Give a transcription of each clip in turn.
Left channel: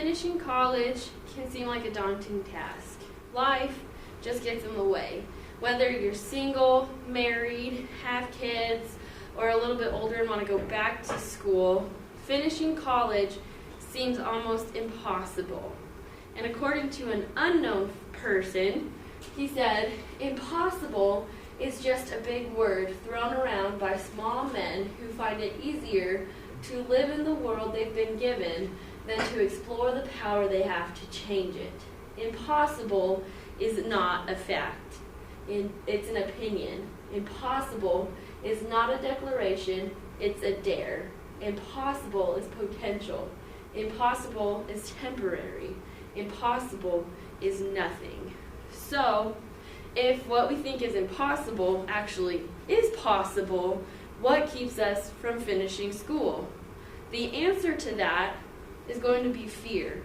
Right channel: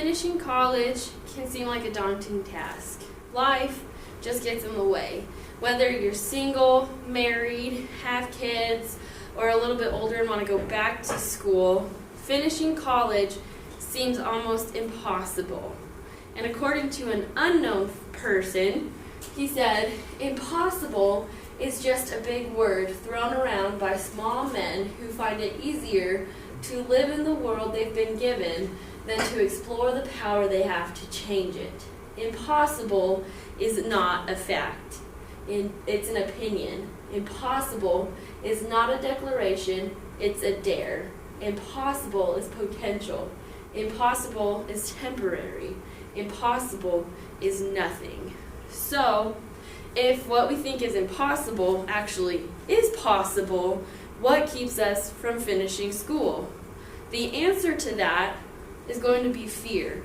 Finishing college can seem like a daunting task. Life just gets in the way. Whether you're single, married, have kids, or a little bit older and want to go back to school, finishing college seems almost impossible. And according to an unknown person, he said, "Impossible is just a big word thrown around by small men who find it easier to live in the world they've been given than to explore the power they have to change it. Impossible is not a fact. It's an opinion. Impossible is not a declaration, it's a dare. Impossible is potential. Impossible is temporary. Impossible is nothing." So, if what we think is impossible actually is possible, what keeps us from finishing school? The answer to that is going to be fear.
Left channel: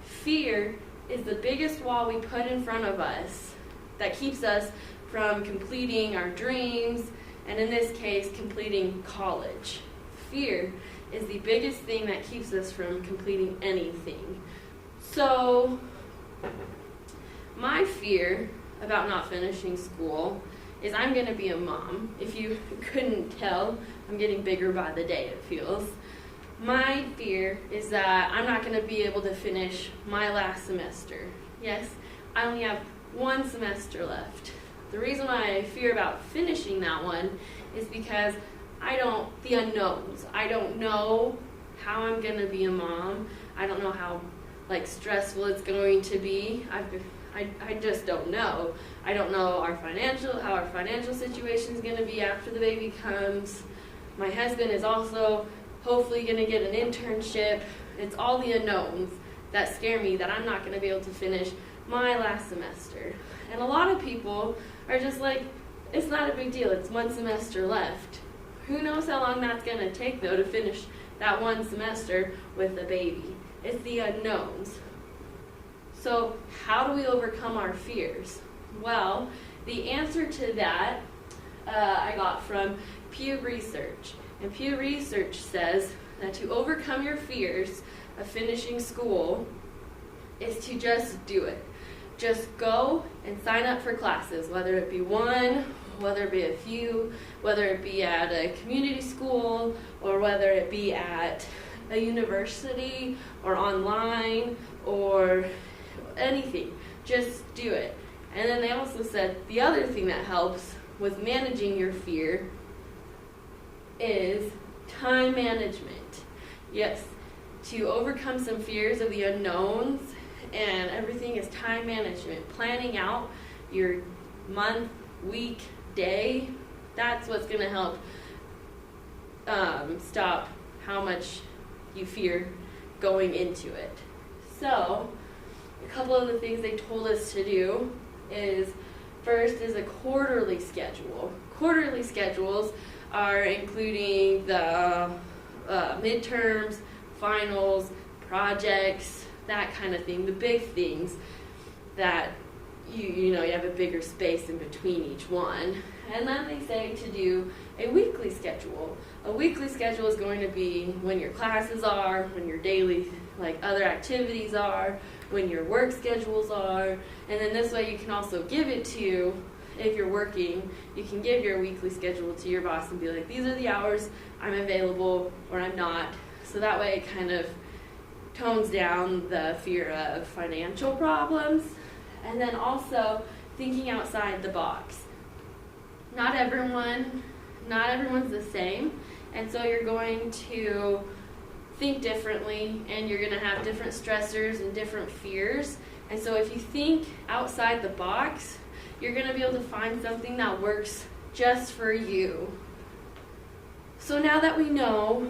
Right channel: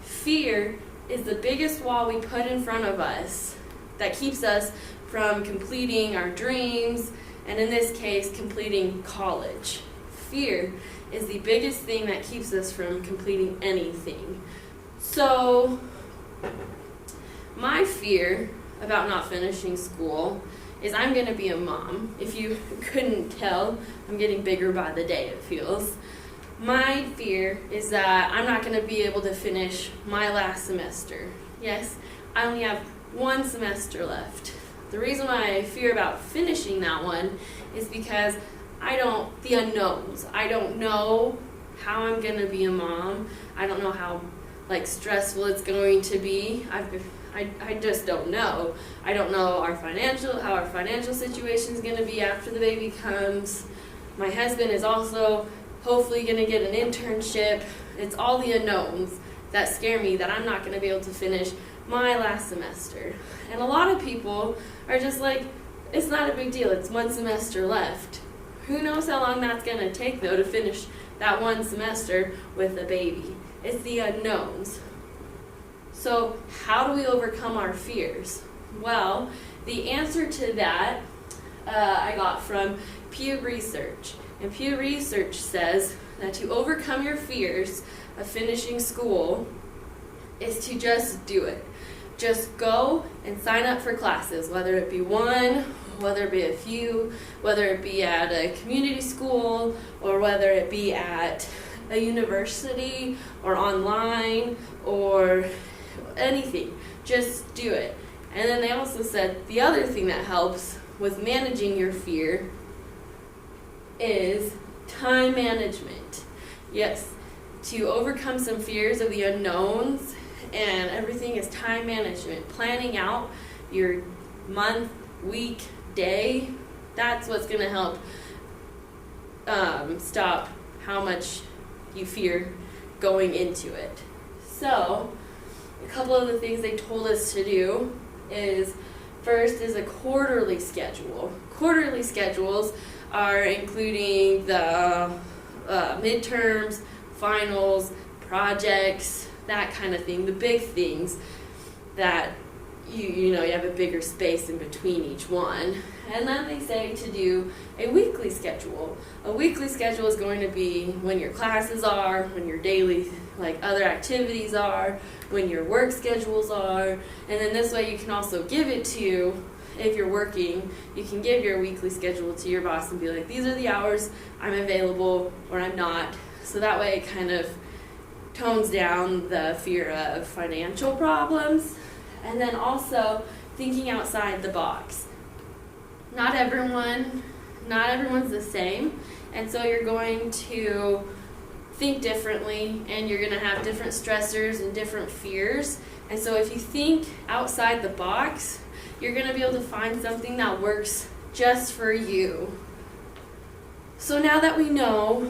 Fear is the biggest wall we put in front of us that keeps us from completing our dreams, and in this case, completing college. Fear is the biggest thing that keeps us from completing anything. So, my fear about not finishing school is I'm going to be a mom. If you couldn't tell, I'm getting bigger by the day, it feels. My fear is that I'm not going to be able to finish my last semester. Yes, I only have one semester left. The reason why I fear about finishing that one is because the unknowns. I don't know how I'm going to be a mom. I don't know how stressful it's going to be. I just don't know. I don't know how our financial situation is going to be after the baby comes. My husband is also hopefully going to get an internship. It's all the unknowns that scare me, that I'm not going to be able to finish my last semester. And a lot of people are just like, it's not a big deal, it's one semester left. Who knows how long that's going to take, though, to finish that one semester with a baby? It's the unknowns. So how do we overcome our fears? Well, the answer to that I got from Pew Research. And Pew Research says that to overcome your fears of finishing school is to just do it. Just go and sign up for classes, whether it be one, whether it be a few, whether it be at a community school, or whether it be at a university, or online, or anything. Just do it. And then they also said the other thing that helps with managing your fear is time management. Yes, to overcome some fears of the unknowns and everything is time management. Planning out your month, week, day, that's what's going to help stop how much you fear going into it. So, a couple of the things they told us to do is, first is a quarterly schedule. Quarterly schedules are including the midterms, finals, projects, that kind of thing, the big things that you have a bigger space in between each one. And then they say to do a weekly schedule. A weekly schedule is going to be when your classes are, when your daily other activities are, when your work schedules are, and then this way you can also give it to, if you're working, you can give your weekly schedule to your boss and be like, these are the hours I'm available or I'm not. So that way it kind of tones down the fear of financial problems. And then also thinking outside the box. Not everyone's the same, and so you're going to think differently, and you're going to have different stressors and different fears. And so if you think outside the box, you're going to be able to find something that works just for you. So now that we know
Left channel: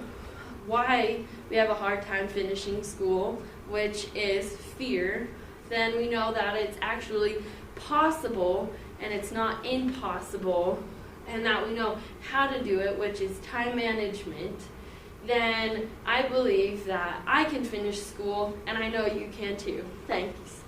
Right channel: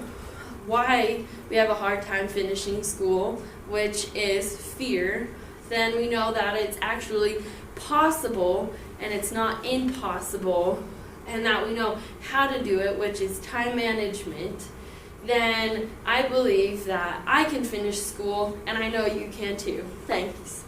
why we have a hard time finishing school, which is fear, then we know that it's actually possible and it's not impossible, and that we know how to do it, which is time management, then I believe that I can finish school, and I know you can too. Thanks.